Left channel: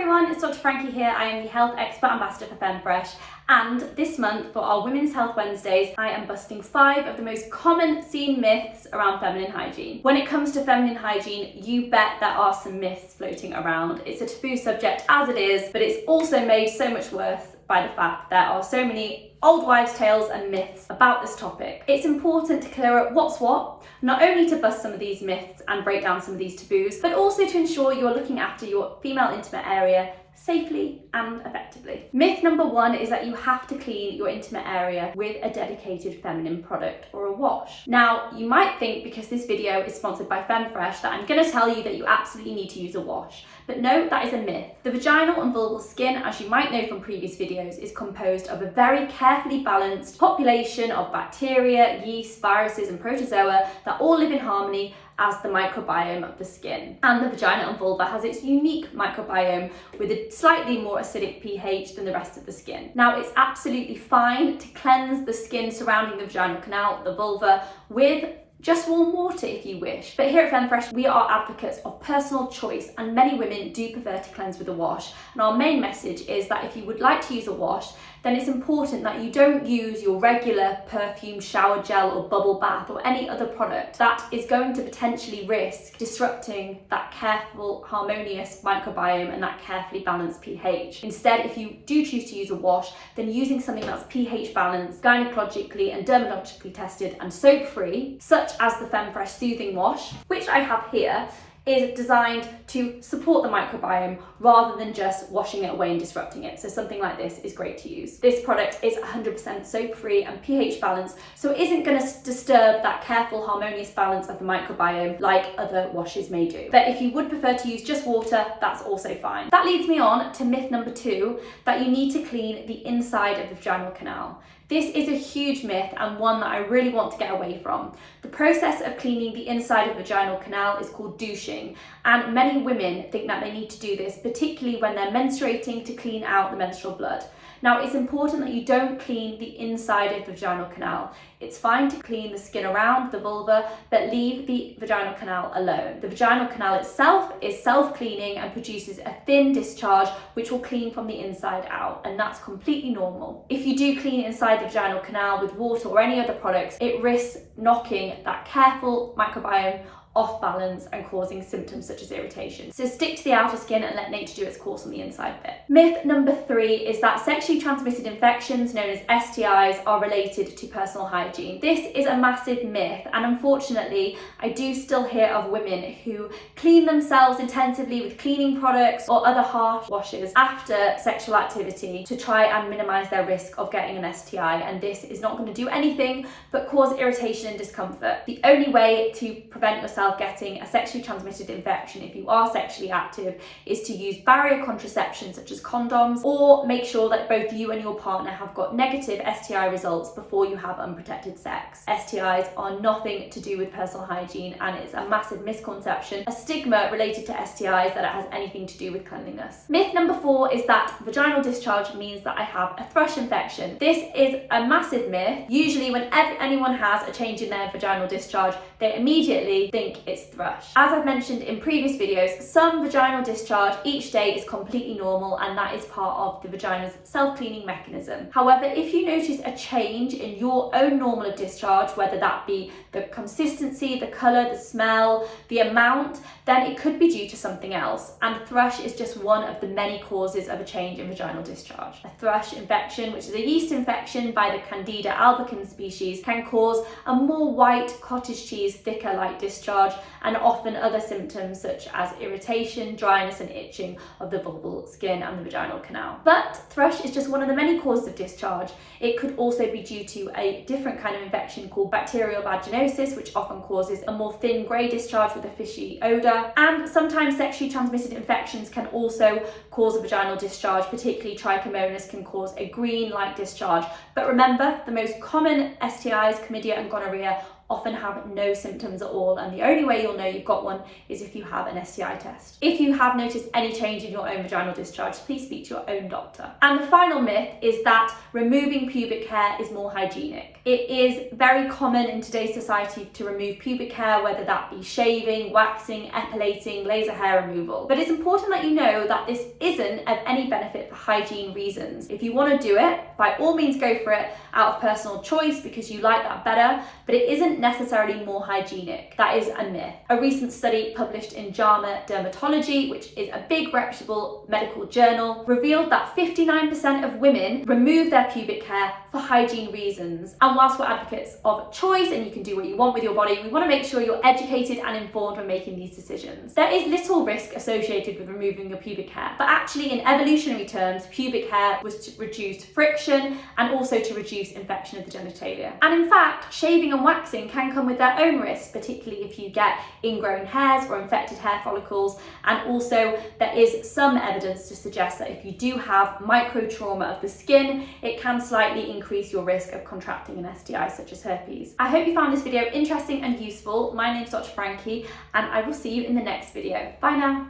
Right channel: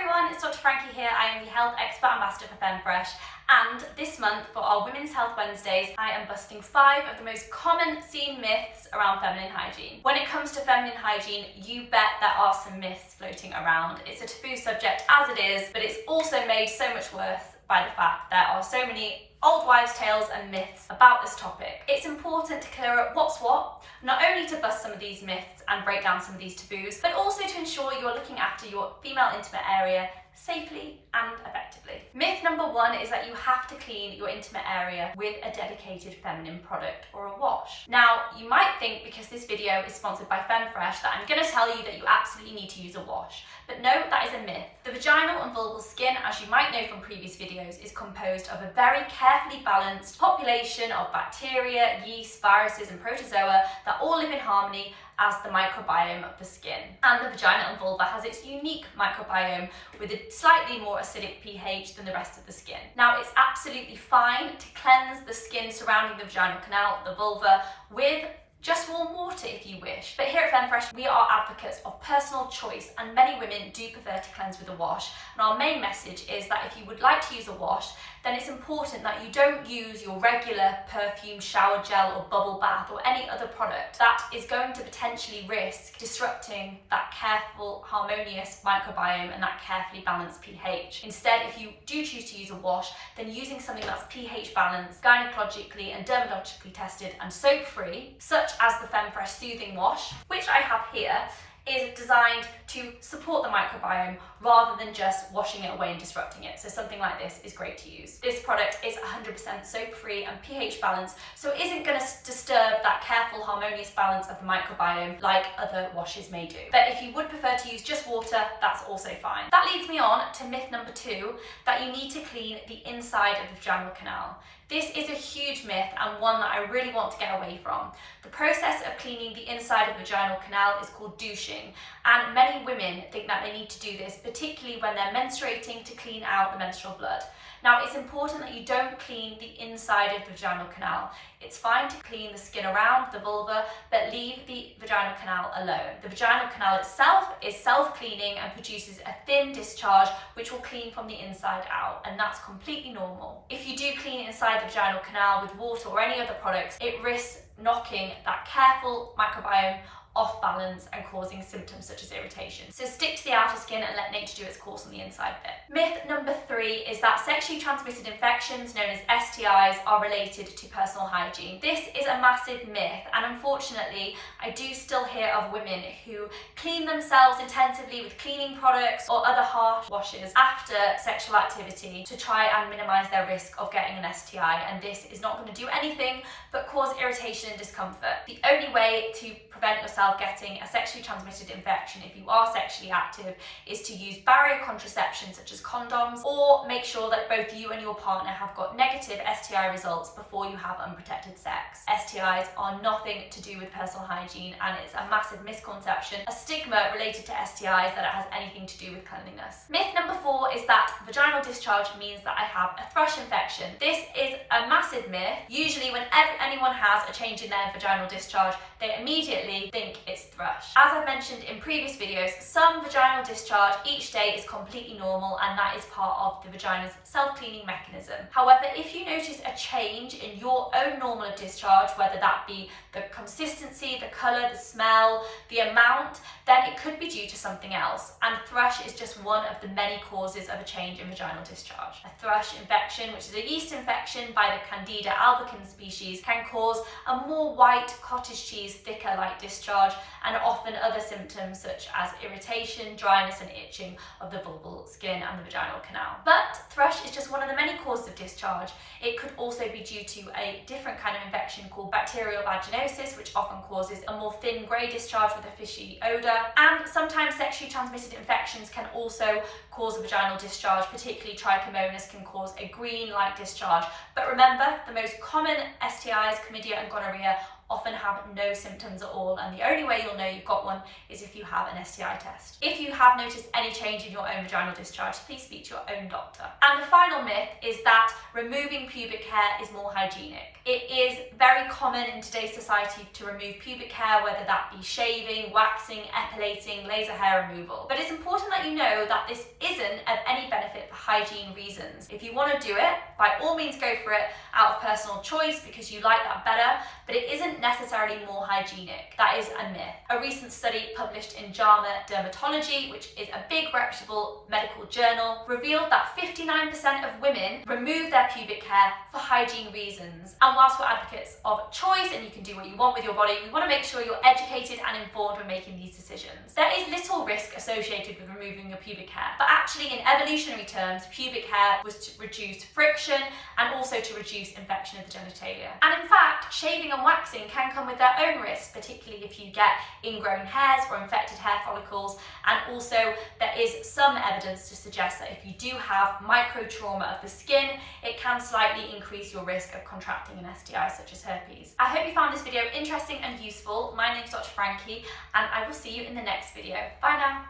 everyone, it's Dr. Frankie here. I am the Health Expert Ambassador for FemFresh, and this month for our Women's Health Wednesdays, I am busting 5 of the most common seen myths around feminine hygiene. When it comes to feminine hygiene, you bet there are some myths floating around. It's a taboo subject as it is, but it's also made so much worse by the fact there are so many old wives' tales and myths about this topic. It's important to clear up what's what, not only to bust some of these myths and break down some of these taboos, but also to ensure you're looking after your female intimate area safely and effectively. Myth number 1 is that you have to clean your intimate area with a dedicated feminine product or a wash. Now, you might think because this video is sponsored by FemFresh that I'm going to tell you that you absolutely need to use a wash. But no, that is a myth. The vaginal and vulval skin, as you might know from previous videos, is composed of a very carefully balanced population of bacteria, yeast, viruses and protozoa that all live in harmony as the microbiome of the skin. And the vagina and vulva has its unique microbiome with a slightly more acidic pH than the rest of the skin. Now, it's absolutely fine to cleanse the skin surrounding the vaginal canal, the vulva, with just warm water if you wish. But here at FemFresh, we are advocates of personal choice, and many women do prefer to cleanse with a wash. And our main message is that if you would like to use a wash, then it's important that you don't use your regular perfume shower gel or bubble bath or any other product that is going to potentially risk disrupting that careful, harmonious microbiome and that carefully balanced pH. Instead, if you do choose to use a wash, then using something that's pH balanced, gynecologically and dermatologically tested and soap-free, such as the FemFresh Soothing Wash, which I have here, is designed to support the microbiome rather than just washing it away and disrupting it. So something like this is great to use. This product is 100% soap-free and pH balanced, so it isn't going to disturb that careful, harmonious balance of the microbiome like other washes may do. But if you would prefer to use just water, that's also fine. That leads me on to myth number 2, that you need to clean the inside of the vaginal canal. This is a huge myth and one that I really want to get away from. The process of cleaning the inside of the vaginal canal is called douching, and many women think that they need to do this, particularly when they're menstruating, to clean out the menstrual blood. Now, it's important that you don't clean the inside of the vaginal canal. It's fine to clean the skin around the vulva, but leave the vaginal canal alone. The vaginal canal itself is self-cleaning and produces a thin discharge which will clean from the inside out, and that's completely normal. If you do clean inside the vaginal canal with water or any other products, it risks knocking that careful microbiome off balance and causing symptoms such as irritation. So stick to the outer skin and let nature do its course on the inside bit. Myth number 3 is that sexually transmitted infections known as STIs are related to personal hygiene. This is a massive myth, and unfortunately I do still hear of women who clean themselves intensively with cleaning products or other harsh washes after sexual activity to try and minimize their risk of getting an STI, and this is not going to do anything but cause irritation and discomfort. The only way to prevent yourself getting a sexually transmitted infection if you are sexually active is to use barrier contraception such as condoms, or make sure that both you and your partner have got negative STI results before you have unprotected sex. STIs are nothing to do with personal hygiene, and it's a massive misconception, a stigma related to STIs, that it has anything to do with cleanliness. Myth number 4 is that vaginal discharge means that I have a thrush infection. This is a massive myth. Usually when anyone has a change in their vaginal discharge, they immediately think it's thrush. As I've mentioned in previous videos, some vaginal discharge each day is completely normal, and that is part of the vagina's self-cleaning mechanism. However, if you notice a change in your own normal of discharge, whether that be the consistency, the colour, the smell, the amount, then it could be due to something else, and thrush is just one of the many causes of a change in vaginal discharge. A thrush infection, which is a yeast infection by the Candida albicans species, can cause a more white cottage cheese, thicker light discharge, and often other symptoms such as irritation, dryness and itching of the vulval skin and the vaginal canal. But thrush is just one of the many causes of discharge. It could also be due to a different kind of infection called bacterial vaginosis, which often causes a more thin grey discharge with a fishy odour. And sometimes sexually transmitted infections can also cause a vaginal discharge, particularly trichomonas can cause a green light discharge. But remember, the most common STIs, chlamydia and gonorrhea, often have no symptoms at all, and the only way you'll know you've got one is if you have an STI test. If you have noticed any change in your own vaginal discharge, please speak to your own doctor. And the final myth is that removing pubic hair is more hygienic. It is very common in today's society to remove pubic hair, whether that be shaving, waxing, epilating, laser hair removal. But it's important that you know that this isn't of any benefit for hygiene reasons. If you want to do it, by all means go for it out of personal choice because you like that better, but it isn't necessarily more hygienic. That is a myth. A recent study published in JAMA Dermatology, which is a big reputable medical journal, revealed that 59% of women remove their pubic hair for hygiene reasons. And whilst we're advocates of choice and you can do what you want with your body, we want to make sure you're educated and informed when making these decisions. There is little risk associated with removing your pubic hair, but actually in evolutionary terms, pubic hair was to reduce friction and also to reduce infection of the genitalia. And in fact, shaving and waxing can come with their own risks, particularly if you get ingrown hairs or infected hair follicles. And also there is some evidence to suggest that if you do have micro trauma of the skin, it can slightly increase your risk of contracting an STI such as herpes. I hope you found this video interesting and useful. My name's Dr. Frankie, and I will see you in the next video. Bye now.